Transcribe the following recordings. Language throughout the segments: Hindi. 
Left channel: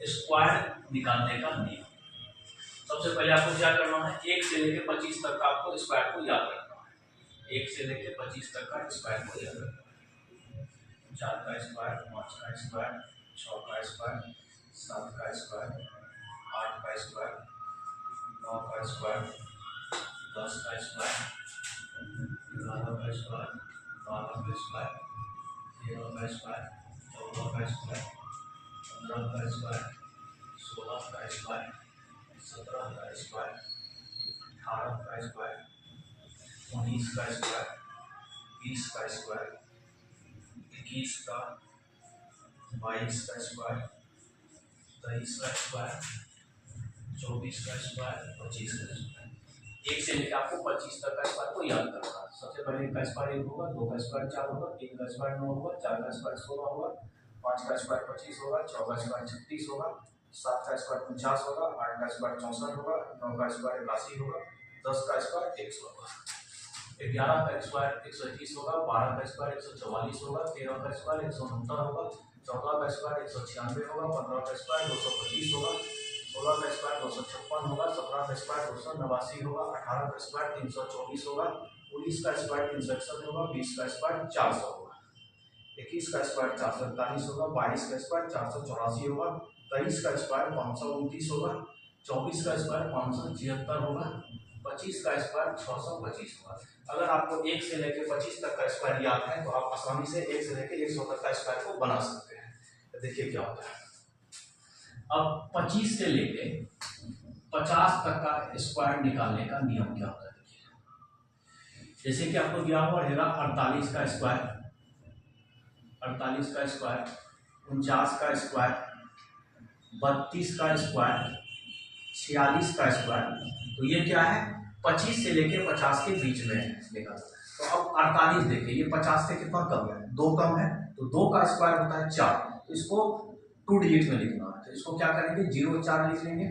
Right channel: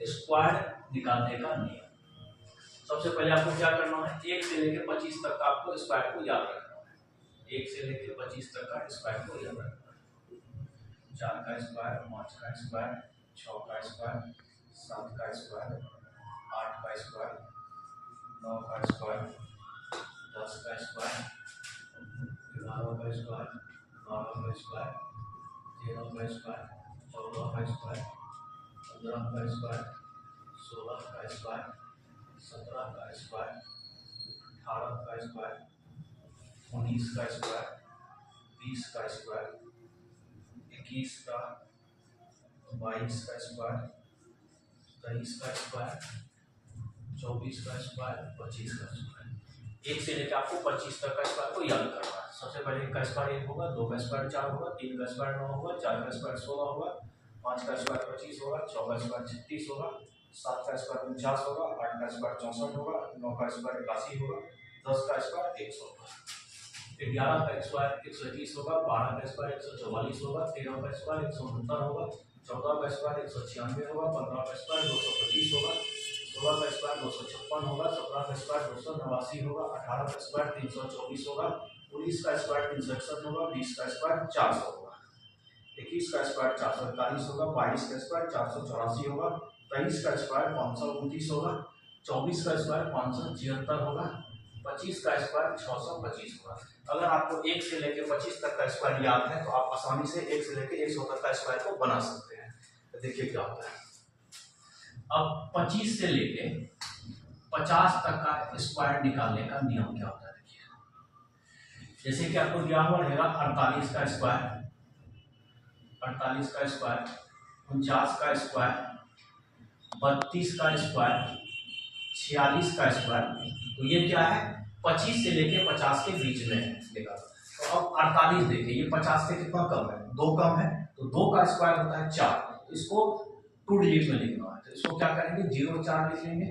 स्क्वायर निकालने का नियम। सबसे पहले आपको क्या करना है, 1 से लेकर 25 तक का आपको स्क्वायर को याद रखना है। 1 से लेकर 25 तक का स्क्वायर को याद रखना है। 4 का स्क्वायर, 5 का स्क्वायर, 6 का स्क्वायर, 7 का स्क्वायर, 8 का स्क्वायर, 9 का स्क्वायर, 10 का स्क्वायर, 11 का स्क्वायर, 12 का स्क्वायर, 13 का स्क्वायर, 14 का स्क्वायर, 15 का स्क्वायर, 16 का स्क्वायर, 17 का स्क्वायर, 18 का स्क्वायर, 19 का स्क्वायर, 20 का स्क्वायर, 21 का, 22 का स्क्वायर, 23 का स्क्वायर, 24 का स्क्वायर, 25 का स्क्वायर। 1 से लेकर आपको 25 तक का स्क्वायर को याद करना है। सबसे पहले 1 का स्क्वायर 1 होगा, 2 का स्क्वायर 4 होगा, 3 का स्क्वायर 9 होगा, 4 का स्क्वायर 16 होगा, 5 का स्क्वायर 25 होगा, 6 का स्क्वायर 36 होगा, 7 का स्क्वायर 49 होगा, 8 का स्क्वायर 64 होगा, 9 का स्क्वायर 81 होगा, 10 का स्क्वायर 100 होगा, 11 का स्क्वायर 121 होगा, 12 का स्क्वायर 144 होगा, 13 का स्क्वायर 169 होगा, 14 का स्क्वायर 196 होगा, 15 का स्क्वायर 225 होगा, 16 का स्क्वायर 256 होगा, 17 का स्क्वायर 289 होगा, 18 का स्क्वायर 324 होगा, 19 का स्क्वायर 361 होगा, 20 का स्क्वायर 400 होगा, 21 का स्क्वायर 441 होगा, 22 का स्क्वायर 484 होगा, 23 का स्क्वायर 529 होगा, 24 का स्क्वायर 576 होगा, 25 का स्क्वायर 625 होगा। अगर आपको 1 से लेकर 25 तक का स्क्वायर याद है तो आप आसानी से 1 से लेकर 100 तक का स्क्वायर को बना सकते हैं। तो देखिए क्या होता है। अब 25 से लेके 50 तक का स्क्वायर निकालने का नियम क्या होता है, देखिए। जैसे कि आपको दिया हुआ रहेगा 48 का स्क्वायर, 48 का स्क्वायर, 49 का स्क्वायर, 32 का स्क्वायर, 46 का स्क्वायर। तो ये क्या है, 25 से लेके 50 के बीच में निकालना। तो अब 48 देखिए, ये 50 से कितना कम है, 2 कम है, तो 2 का स्क्वायर होता है 4, तो इसको 2 डिजिट में लिखना है। तो इसको क्या करेंगे, 0 4 लिख लेंगे।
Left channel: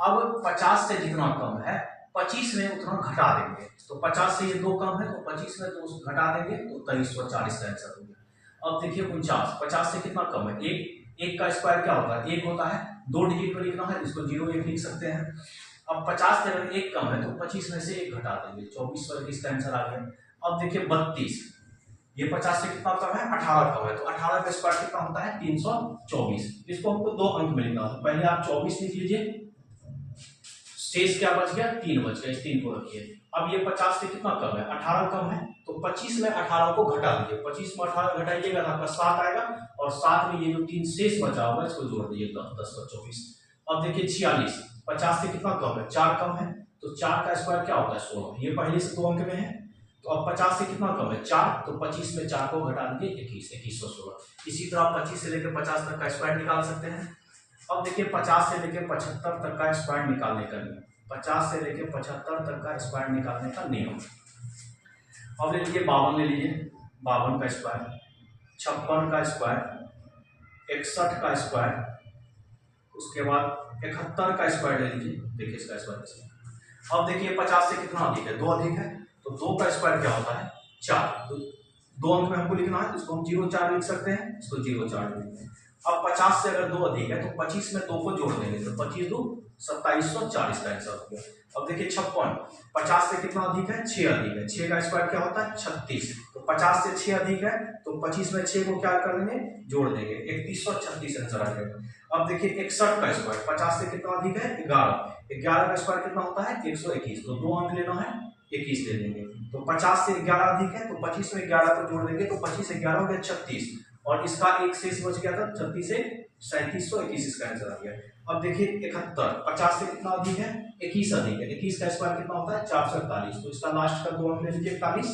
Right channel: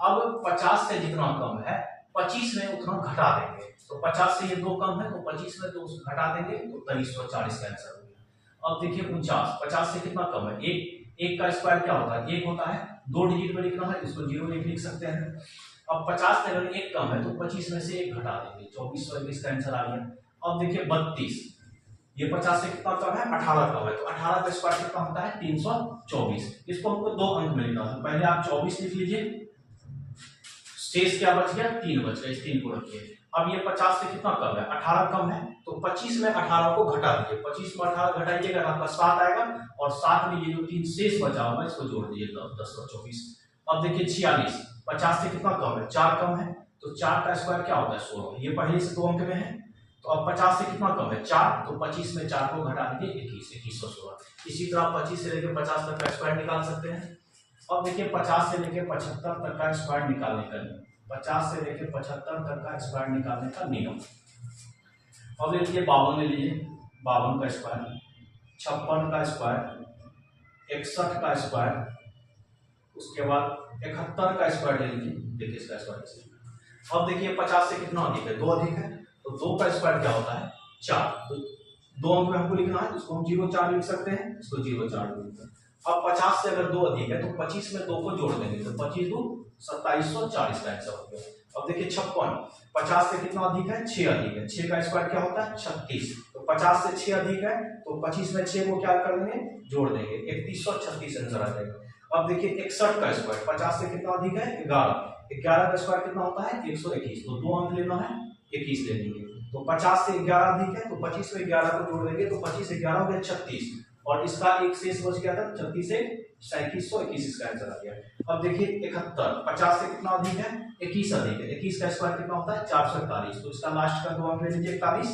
अब 50 से जितना कम है 25 में उतना घटा देंगे। तो 50 से ये 2 कम है, तो 25 में 2 घटा देंगे, तो 2340 का आंसर हो गया। अब देखिए 49, 50 से कितना कम है, 1 का स्क्वायर क्या होता है, 1 होता है, 2 डिजिट में लिखना है, इसको 0 1 लिख सकते हैं। अब 50 से अगर 1 कम है तो 25 में से 1 घटा देंगे, 2421 का आंसर आ गया। अब देखिए 32, ये 50 से कितना कम है, 18 कम है, तो 18 का स्क्वायर कितना होता है, 324। इसको हमको 2 अंक में लिखना है। पहले आप 24 लिख लीजिए, शेष क्या बच गया, 3 बच गया, इस 3 को रखिए। अब ये 50 से कितना कम है, 18 कम है, तो 25 में 18 को घटा दीजिए, 25 में 18 घटाइएगा तो आपका 7 आएगा, और 7 में ये जो 3 शेष बचा होगा इसको जोड़ दीजिए, 10 और 24। अब देखिए 46, 50 से कितना कम है, 4 कम है, तो 4 का स्क्वायर क्या होता है, 16। ये पहले से 2 अंक में है। तो अब 50 से कितना कम है, 4, तो 25 में 4 को घटा दीजिए, 21, 2116। इसी तरह 25 से लेकर 50 तक का स्क्वायर निकाल सकते हैं। अब देखिए 50 से लेकर 75 तक का स्क्वायर निकालने का नियम, 50 से लेकर 75 तक का स्क्वायर निकालने का नियम। अब ले लीजिए 52 ले लीजिए, 52 का स्क्वायर, 56 का स्क्वायर, 61 का स्क्वायर, उसके बाद 71 का स्क्वायर ले लीजिए। देखिए इसका स्क्वायर कैसे। अब देखिए 50 से कितना अधिक है, 2 अधिक है, तो 2 का स्क्वायर क्या होता है, 4। तो 2 अंक में हमको लिखना है, इसको हम 0 4 लिख सकते हैं, इसको 0 4 लिखते हैं। अब 50 से अगर 2 अधिक है तो 25 में 2 को जोड़ देंगे, तो 25 2 2740 का आंसर हो गया। अब देखिए 56, 50 से कितना अधिक है, 6 अधिक है, 6 का स्क्वायर क्या होता है, 36। तो 50 से 6 अधिक है, तो 25 में 6 को क्या कर देंगे, जोड़ देंगे, 3136 आंसर आ जाएगा। अब देखिए 61 का स्क्वायर, 50 से कितना अधिक है, 11, 11 का स्क्वायर कितना होता है, 121। तो 2 अंक लेना है, 21 ले लेंगे। तो 50 से 11 अधिक है, तो 25 में 11 को जोड़ देंगे, तो 25 से 11 हो गया 36, और इसका एक शेष बच गया था, 36 से 3721 इसका आंसर आ गया। अब देखिए 71, 50 से कितना अधिक है, 21 अधिक है, 21 का स्क्वायर कितना होता है, 441। तो इसका लास्ट का 2 अंक ले लीजिए, 41।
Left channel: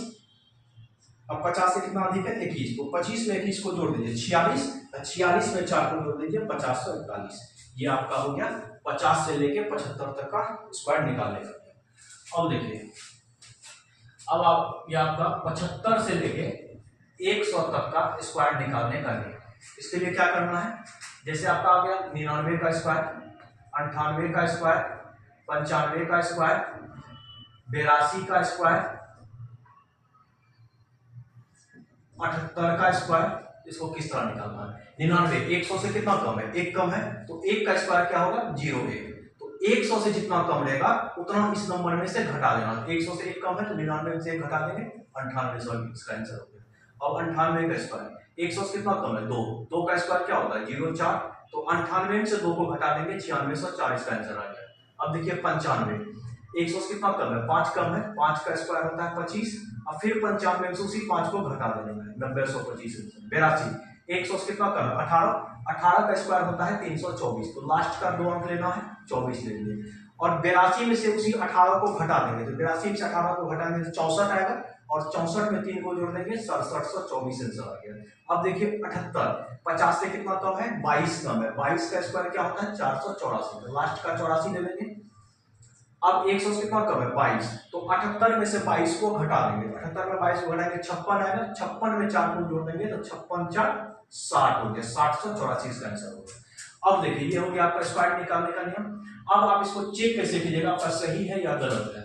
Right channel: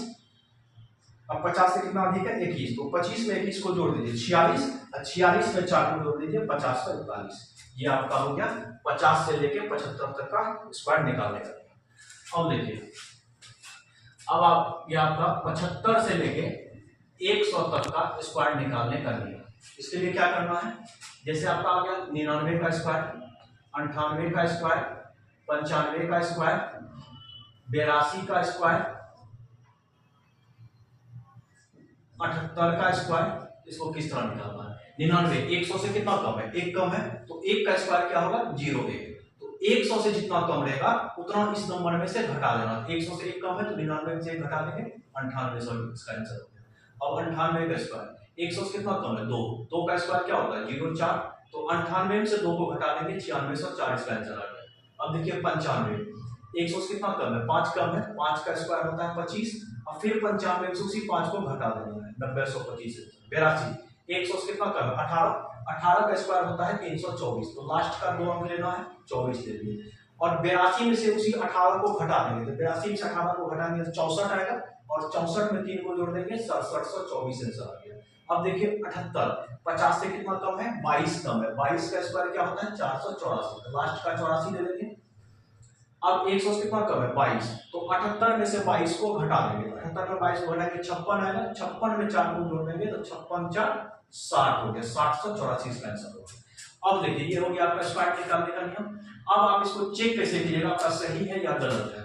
अब 50 से कितना अधिक है, 21, तो 25 में 21 को जोड़ दीजिए, 46, 46 में 4 को जोड़ दीजिए, 5041। ये आपका हो गया 50 से लेके 75 तक का स्क्वायर निकालने का। अब देखिए, अब आप ये आपका 75 से लेके 100 तक का स्क्वायर निकालने का नियम। इसके लिए क्या करना है, जैसे आपका आ गया 99 का स्क्वायर, 98 का स्क्वायर, 95 का स्क्वायर, 82 का स्क्वायर, 78 का स्क्वायर, इसको किस तरह निकालना है? 99 100 से कितना कम है? 1 कम है, तो 1 का स्क्वायर क्या होगा? 01। तो 100 से जितना कम रहेगा उतना इस नंबर में से घटा देना। 100 से 1 कम है तो 99 में से 1 घटा देंगे, 98 इसका आंसर हो गया। अब 98 का स्क्वायर 100 से कितना कम है? 2। 2 का स्क्वायर क्या होता है? 04। तो 98 में से 2 को घटा देंगे, 9604 इसका आंसर आ गया। अब देखिए 95 100 से कितना कम है? 5 कम है, 5 का स्क्वायर होता है 25। अब फिर 95 में से उसी 5 को घटा देना है, 90 125 82। 100 से कितना कम है? 18। 18 का स्क्वायर होता है 324। तो लास्ट का 2 अंक लेना है, 24 ले लिए। और 82 में से उसी 18 को घटा देंगे, तो 82 में से 18 को घटाएंगे तो 64 आएगा, और 64 में 3 को जोड़ देंगे, 6724 आंसर आ गया। अब देखिए 78 50 से कितना कम है? 22 कम है। 22 का स्क्वायर क्या होता है? 484। तो लास्ट का 84 ले लेंगे। अब 100 से कितना कम है? 22। तो 78 में से 22 को घटा देंगे, 78 में 22 को घटाएंगे 56 आएगा, 56 में 4 को जोड़ देंगे तो 56 4 60 हो गया, 784 इसका आंसर होगा। अब देखिए ये हो गया आपका स्क्वायर निकालने का नियम। अब आप इसको चेक कैसे कीजिएगा आपका सही है या गलत है?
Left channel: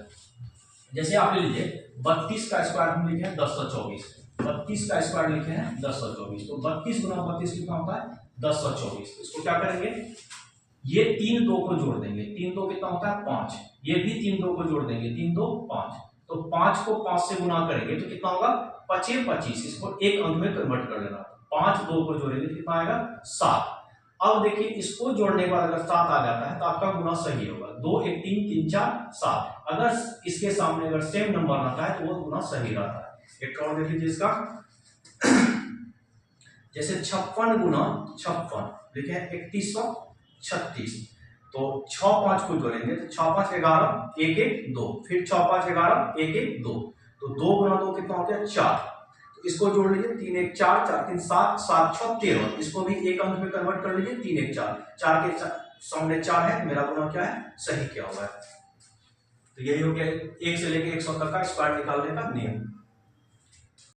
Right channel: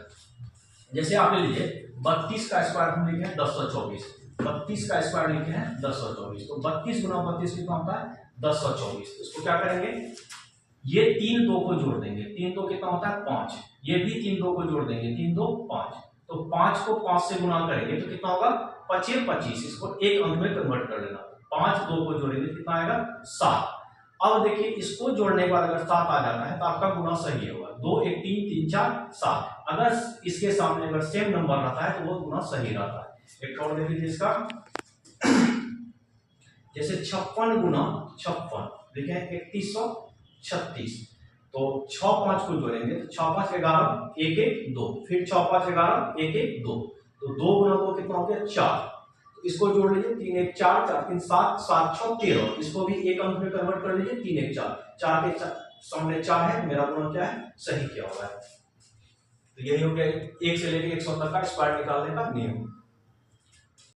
जैसे आप ले लीजिए 32 का स्क्वायर हम लिखे हैं 1024, 32 का स्क्वायर लिखे हैं 1024, तो 32 गुना 32 कितना होता है? 1024। तो इसको क्या करेंगे? ये 3 2 को जोड़ देंगे, 3 2 कितना होता है? 5। ये भी 3 2 को जोड़ देंगे, 3 2 5। तो 5 को 5 से गुना करेंगे तो कितना होगा? 5 25। इसको एक अंक में कन्वर्ट कर लेना। 5 2 को जोड़ेंगे कितना आएगा? 7। अब देखिए इसको जोड़ने के बाद अगर 7 आ जाता है तो आपका गुना सही होगा। 2 1 3 3 4 7। अगर इसके सामने अगर सेम नंबर रहता है तो वो गुना सही रहता है। एक और देख लीजिए इसका, जैसे 56 गुना 56 लिखे 3136। तो 6 5 को जोड़ेंगे तो 6 5 11 1 1 2, फिर 6 5 11 1 1 2। तो 2 गुना 2 कितना हो गया? 4। तो इसको जोड़ लीजिए, 3 1 4 4 3 7 7 6 13। इसको भी एक अंक में कन्वर्ट कर लीजिए, 3 1 4 4 के सामने 4 है, मेरा गुना क्या है? सही क्या होगा? तो यही हो गया 1 से लेकर 100 तक का स्क्वायर निकालने का नियम।